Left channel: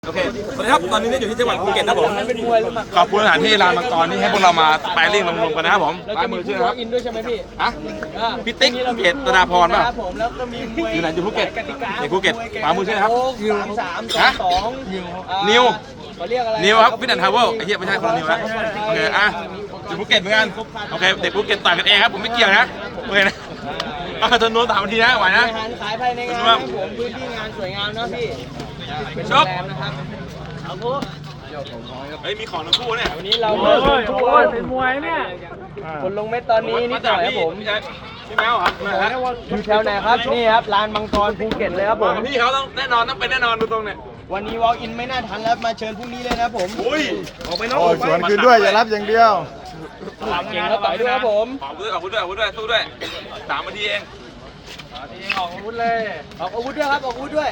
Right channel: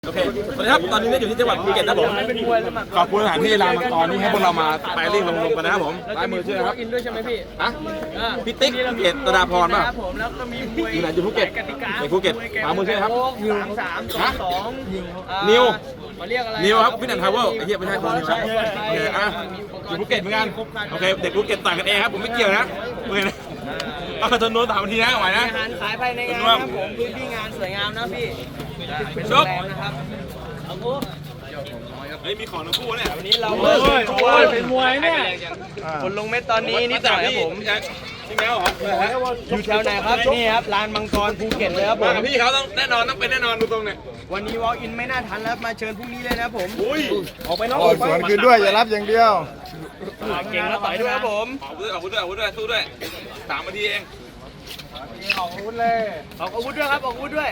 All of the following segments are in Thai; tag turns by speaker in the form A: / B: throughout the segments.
A: โอเคสวัสดีครับตอนนี้อยู่ที่จังหวัดภูเก็ตนะผมขอบคุณสถานที่ลานมังกรนี่ให้พวกเรามาสไปริ่งรวมๆกันนะครับผมลายมือชื่อนะครับ
B: อินด้วยใช่ไหมพี่
A: ฮะพี่ติ๊กภูเก็ตตราพรป่ะ
B: ผมแล้วก็มีมวย
A: อยู่ไหนอยู่ภูเก็ตในภูเก็ตลายมือชื่อนะครับ
B: นิว3-2
A: นิว
B: เขาเรียกอะไร
A: นิวครับฟิตแอนด์ทาวเวลไอ้เหี้ยไม่ใช่คนนิวนะโอเคอ่ะอยู่ภูเก็ตเหมือนกันโอเคเด็กภูเก็ตต่างกันเองครับผมไม่เกี่ยวนะโอเคนะเอากระตุ้นนู้นถามทีนะไหวนะ
B: อาหารขายภายในงานครับผมพื้นที่งานสวยงามนะพี่เป็น
A: ชก
B: แบรนด์นะครับเอาทุก
A: เฮ้ยมีของทั้งคู่เนี่ย
B: วันนี้เราเป็นมวยเนี่ยคนลงเม็ดตอนนี้นิดหน่อยครับผม
A: พี่แมวเหรอ
B: อยู่แถวไหนครับนี่ครับลานมังกรภูเก็ตเลยครับผม
A: พี่เขาต้องแน่นอนต้องเป็นแน่นอนดูตรงเนี่ย
B: วันนี้วอล์กอินไม่น่าทันแล้วมาเชิญพรุ่งนี้เลยนะครับผม
A: อุ้ย
B: ออกไปนอก
C: โอ้สวนคืนด้วยอย่ารับอย่างเดียว
B: เก่งแล้วต่อยด้วยครับผม
A: ออกด้วยสู้ด้วย3 นาทีเอง
B: ออกอาวุธด้วยครับออกอาวุธด้วย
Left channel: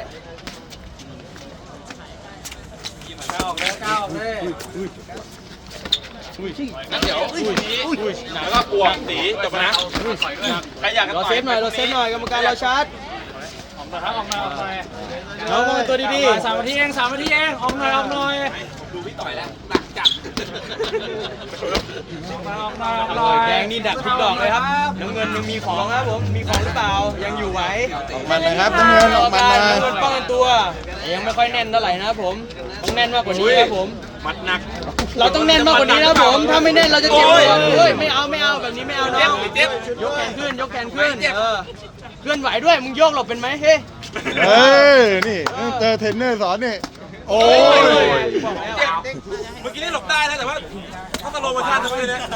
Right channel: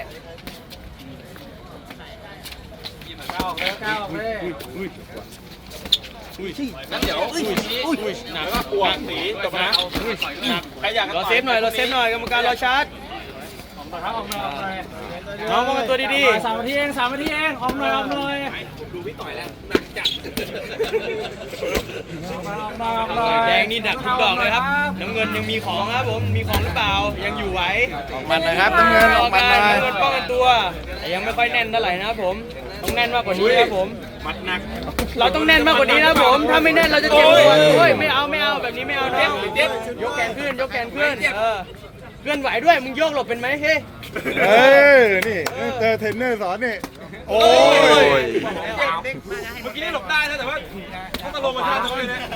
A: งั้นเดี๋ยวแล้วก็ปวกสีจบนะใครอยากกัน
B: เรา
A: ต่อ
B: เซฟหน่อยกรรมการเราชาร์จเอามาตัวดีๆ3 นาทีเองออกหน่อย
A: ดูพี่ต่อยแล้วหนักจัด
B: แดงนี่ดักทุกดอกเลยครับน้ำเงินยังมีของครับผมมีของหรือเปล่ายังอยู่ไหว
C: มันนะครับน้ำเงินออกมาเลย
B: น้ำเงินป้องกันตัวยังไม่ค่อยแน่นเท่าไหร่นะครับผมต้องแน่นมากกว่านี้ครับผม
A: มัดหนัก
B: เราต้องแน่นมากกว่านี้นะครับผมถ้าไม่แน่นเราจะเจ็บตัวโอ้ยไม่เอาแบบนี้ไม่เอาน้อง
A: เจ็บ
B: ยกแขนขึ้นเคลื่อนไหวด้วยมึงโยกหลบเป็นไหมเฮ้ย
C: เฮ้ยนี่เจอเทรนเนอร์สอนนี่โอ้ย
A: เมื่อกี้นี่หลบได้นะแต่ว่าต้องตะลงมาชาติทั้งเลยนะ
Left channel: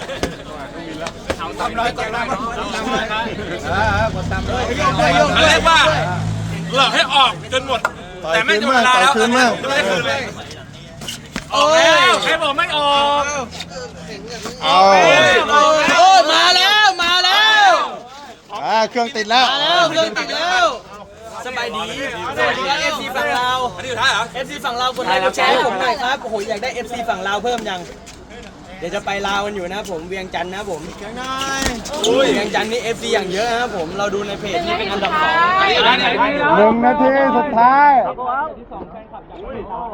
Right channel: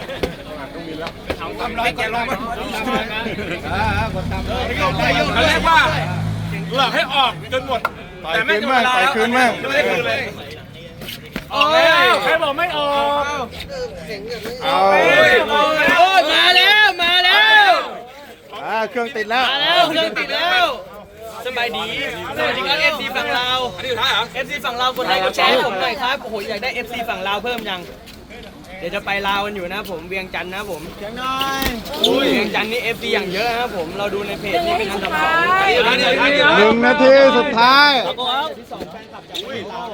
A: เรียกว่าหลอกให้ออกจนหมดแต่ไม่จนเวลาแล้วจะไม่ได้คืนเลยออกแล้วใครบอกไม่ออกออกแล้ว
B: มาแล้ว
C: เครื่องติดแล้ว
B: เครื่องติดแล้วสบายดีสวัสดีครับ FC ฝั่งลาว
A: อันนี้อยู่ท้ายเหรอ
B: FC ฝั่งลาวคนไทยกดแชร์ให้ผมหน่อยครับโอ้โหอยากได้ FC ฝั่งลาวเพิ่มยังเดี๋ยวจะไปลาวกันอยู่นะผมเวียงจันทร์นะผมเวียงจันทร์นี่ FC อย่างเยอะนะผมเราดูในเพจนี่เป็นอันดับ2
A: อันนี้อยู่ท้ายเนี่ย
C: 1 นาทีสุดท้าย
B: ที่2แฟนคลับจากที่ลาว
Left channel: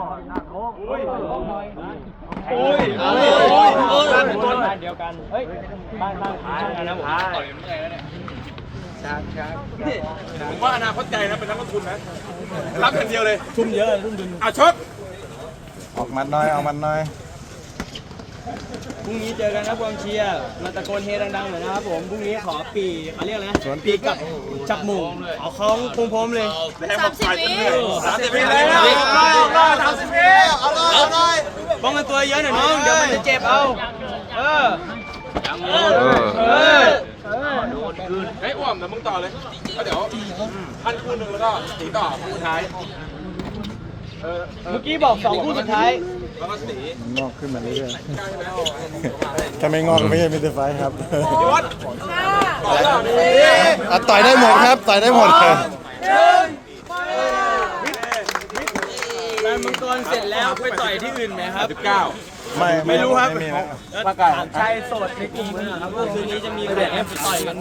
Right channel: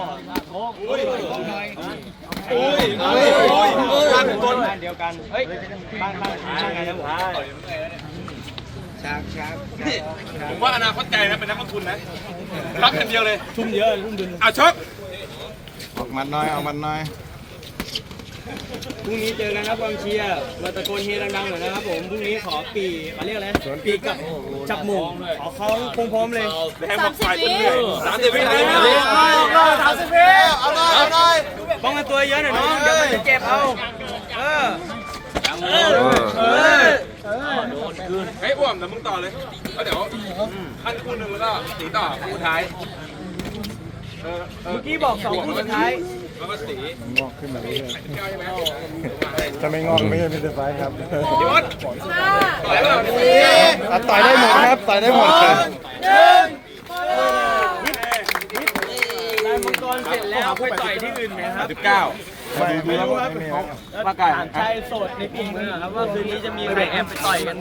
B: เดียวกันเฮ้ยบางทีใช่ไงนะผมต่อยมันเลยแล้วเนี่ย
A: นี่ผมว่าอนาคตไกลนะเป็นนักลงทุนนะรับอย่างเดียวเลย
B: ทุ่มเยอะทุ่มดุล
A: ชก
C: ออกมันหน่อย
B: พรุ่งนี้เจอกันนะกองเชียร์มาตะโกนเฮดังๆหน่อยนะครับผมพรุ่งนี้ขอปีเขาเรียกอะไรปีกับจับหมู่เอาเขาพร้อมเลย
A: 30 วิแล้ว30 วิ
B: ป้องกันตัวเยอะหน่อยน้องเดี๋ยวมันจะเจ็บเอา
A: เฮ้ยอ้วมนะมึงต่อเลยแล้วเดี๋ยวพันคู่หนึ่งแล้วก็สีต่อคู่ท้าย
B: เมื่อกี้บอก2 คู่สุดท้าย
A: แล้วก็สี
C: งอกขึ้นมาเรื่อย
A: ใช่ไหม
C: ถ้าไม่งอกไม่ใช่มิสเตอร์ไฟครับ
A: พี่วัดต่อยเปล่านี่ไป
C: ต่อยได้หมดครับต่อยได้หมดเลย
B: ลานมังกรเสร็จแล้วค่อยต่อยที่อื่นนะครับ
C: ไม่รู้ครับ
B: ถามชายโสดในกลุ่มกันหน่อยครับว่าคืนนี้จะมีแบบไปต่อยกัน